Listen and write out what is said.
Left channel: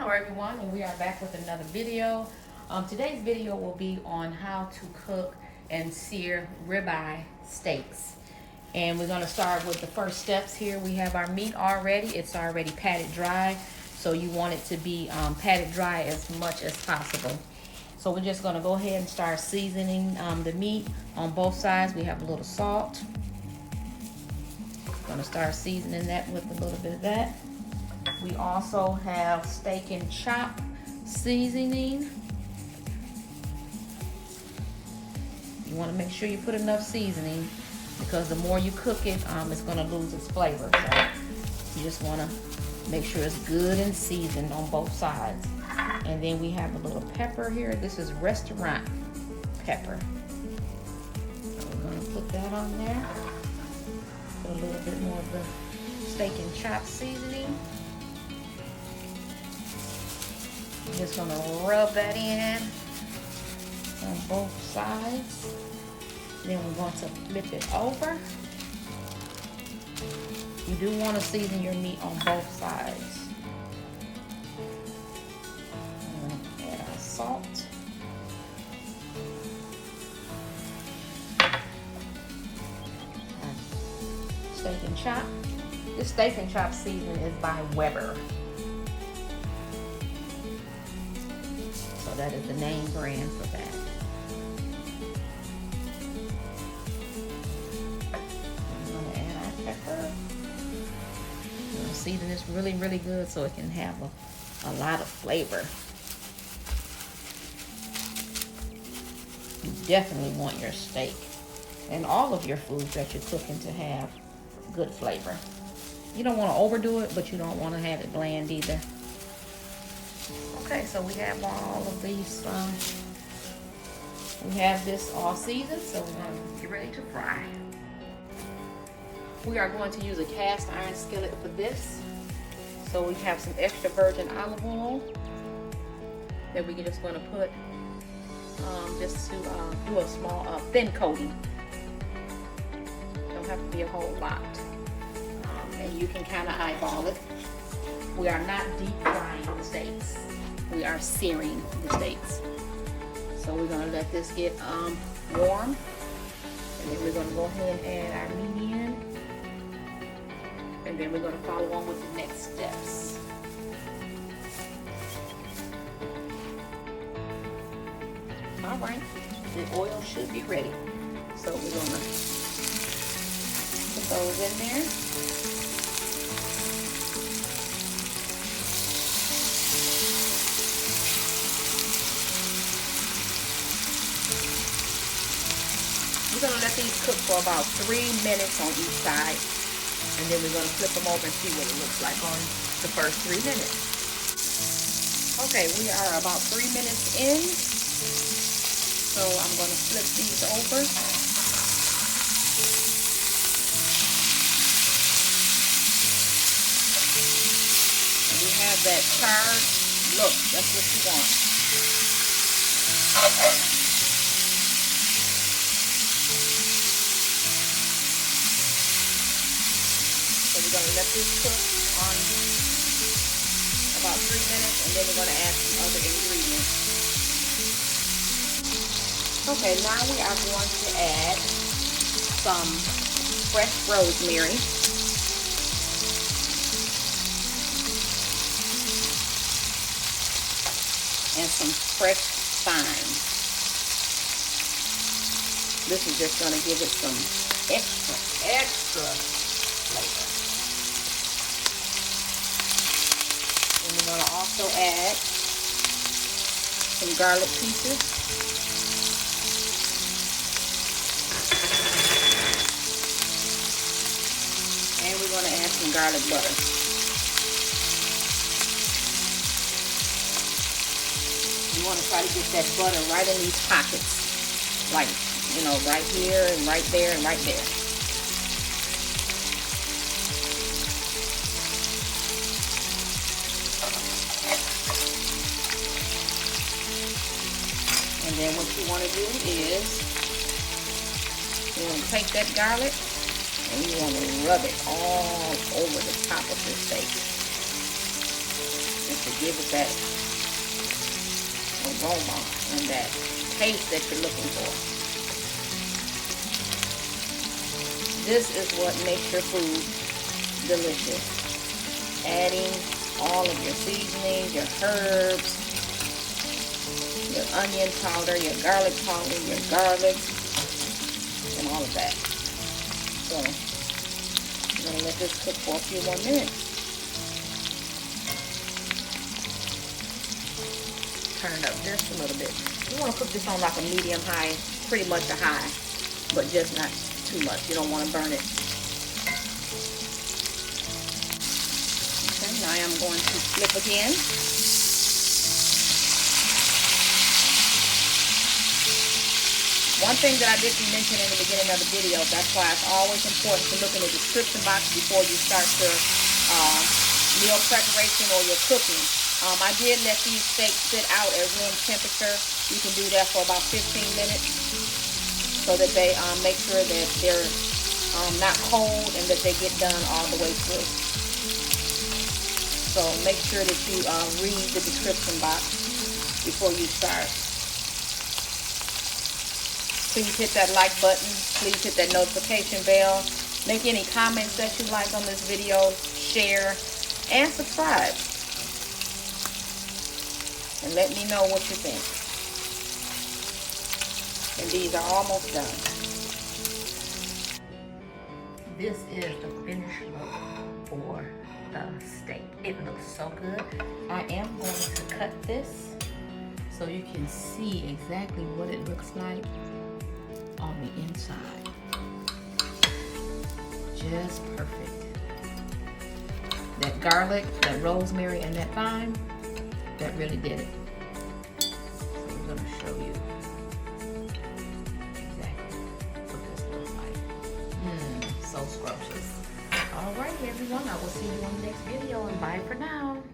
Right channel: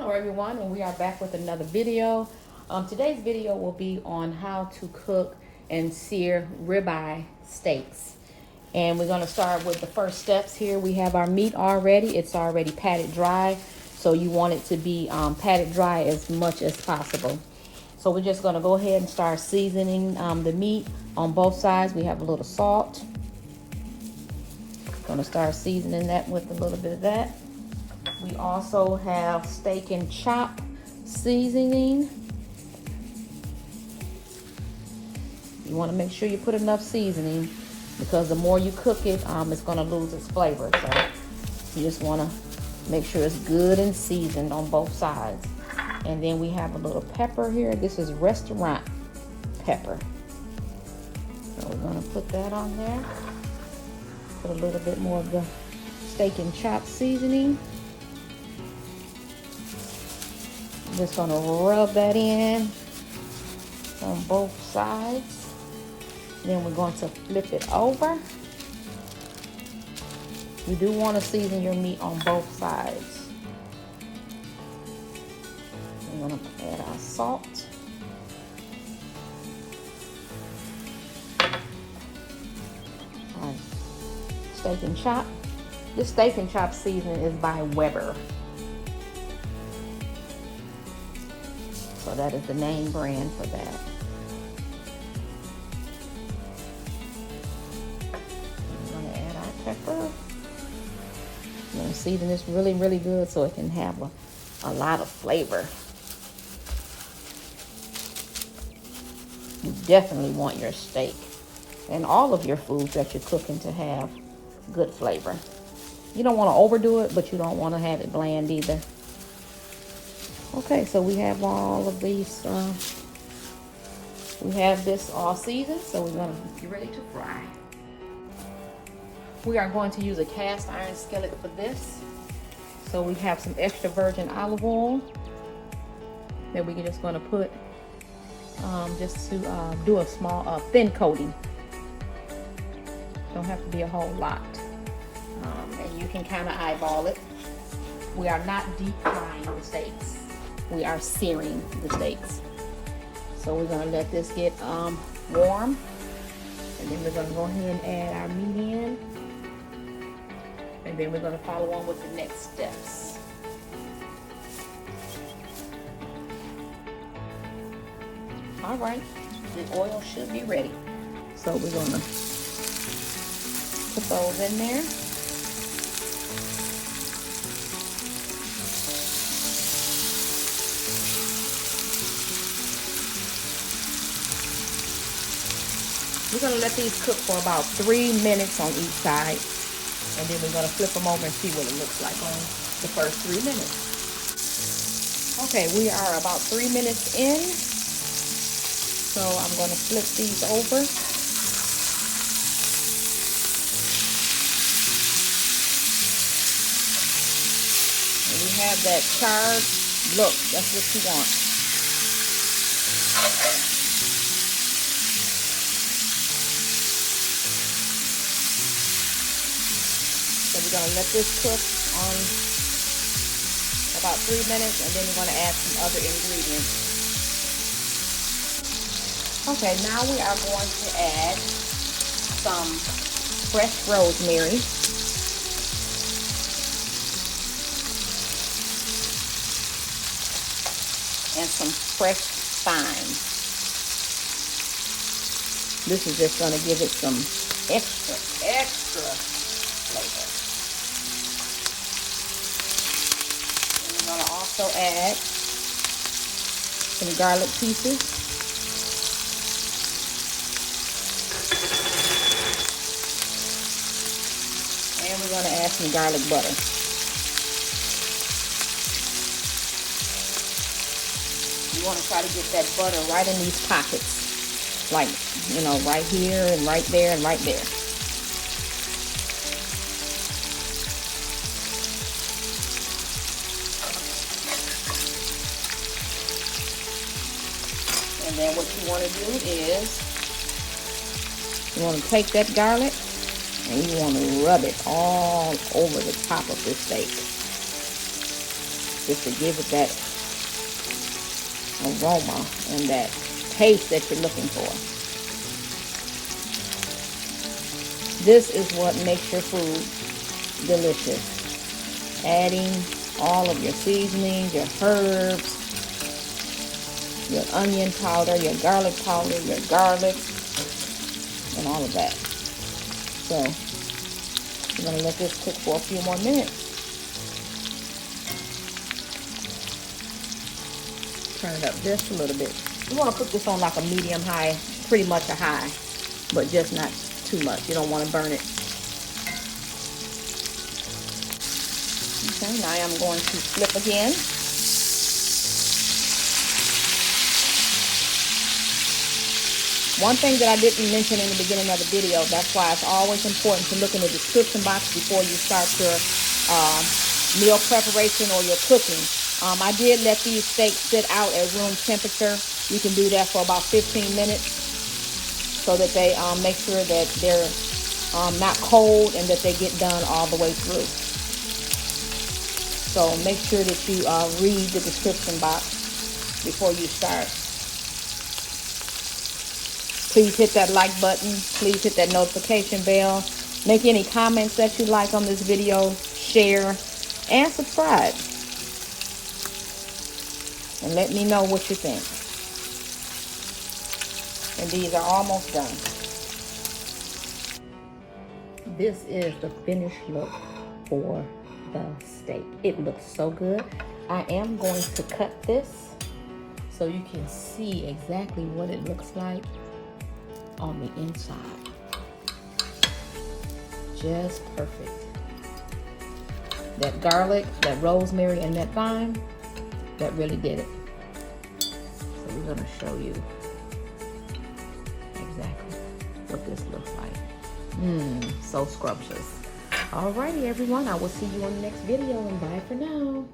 Hello everyone, and we are back with another video. Today's video will be on how to cook and sear ribeye steaks. And we're going to start with the first steps here. We have our meat already. It's already patted dry. So you want it to be patted dry as much as possible. So we're just going to go ahead and start seasoning the meat on both sides. We have a little salt. Going to start seasoning that with a little bit of that. We also have steak and chop seasoning. You want to make sure you put enough seasoning because the more you cook it, it's going to lose its flavor. So you just want to make sure it's good and seasoned on both sides. And then we have a little pepper here. This is restaurant pepper. So we're going to put that on there. Put a little bit more of the steak and chop seasoning. I'm just going to rub that in on both sides. Then we're going to flip it over. You do want to season your meat on both sides. We're going to add our salt. Our steak and chop. This steak and chop seasoning is by Weber. So that is the name brand for that. I'm going to add our pepper. I'm going to season this really, really good so it can have a lot of flavor. You definitely want your steak and all of your foods that you're cooking to have good flavor. You don't want to overdo it, but you don't want to have it bland either. Okay, so we have all of these, we have this all seasoned, so we're going to get ready to fry. We are going to use a cast iron skillet for this. So we have some extra virgin olive oil that we're just going to put just to do a small thin coating. Don't have to be a whole lot. And you can kind of eyeball it. We are not deep frying the steaks. We are searing the steaks. So we're going to let this get warm. And then we're going to go ahead and add our meat in. And then we're going to follow on with the next steps. All right, the oil should be ready. So we're going to put those in there. We're going to let these cook for about 3 minutes on each side. And then we're going to flip them over and see what it looks like on the first 3 minutes. Okay, we are about 3 minutes in. So I'm going to flip these over. And we have that charred look. That's what you want. Let this cook on about 3 minutes, and then we're going to add some other ingredients. Okay, now we are going to add some fresh rosemary. And some fresh thyme. This is just going to give it some extra flavor. I'm going to also add some garlic pieces. And we're going to add some garlic butter. You want to try to get that butter right in these pockets. Like, you know, right here and right there and right there. And then what you want to do is, you want to take that garlic and you want to rub it all over the top of this steak. just to give it that aroma and that taste that you're looking for. This is what makes your food delicious. Adding all of your seasonings, your herbs, your onion powder, your garlic powder, your garlic, and all of that. So, we're going to let this cook for a few more minutes. Turn it up just a little bit. You want to put this on like a medium high, pretty much a high, but just not too much. You don't want to burn it. Okay, now I'm going to flip again. One thing that I didn't mention in the beginning of the video, that's why it's always important to look in the description box before you start your meal preparation or your cooking. I did let these steaks sit out at room temperature. You can do that for about 15 minutes so that they make sure that they're not cold and that they get done all the way through. So make sure that you read the description box before you start. Please hit that like button. Please hit that notification bell. Make any comments that you like on this video. Share and subscribe. And let me know what you think. And these are almost done. This is the finished look for the steak. It looks so good. I am going to cut this so you can see exactly what it looks like on the inside. Just perfect. That garlic, that rosemary, and that thyme, that really did it. So we're gonna show you exactly what this looks like. So scrumptious. Alrighty everyone, I will see you on the next video, and bye for now.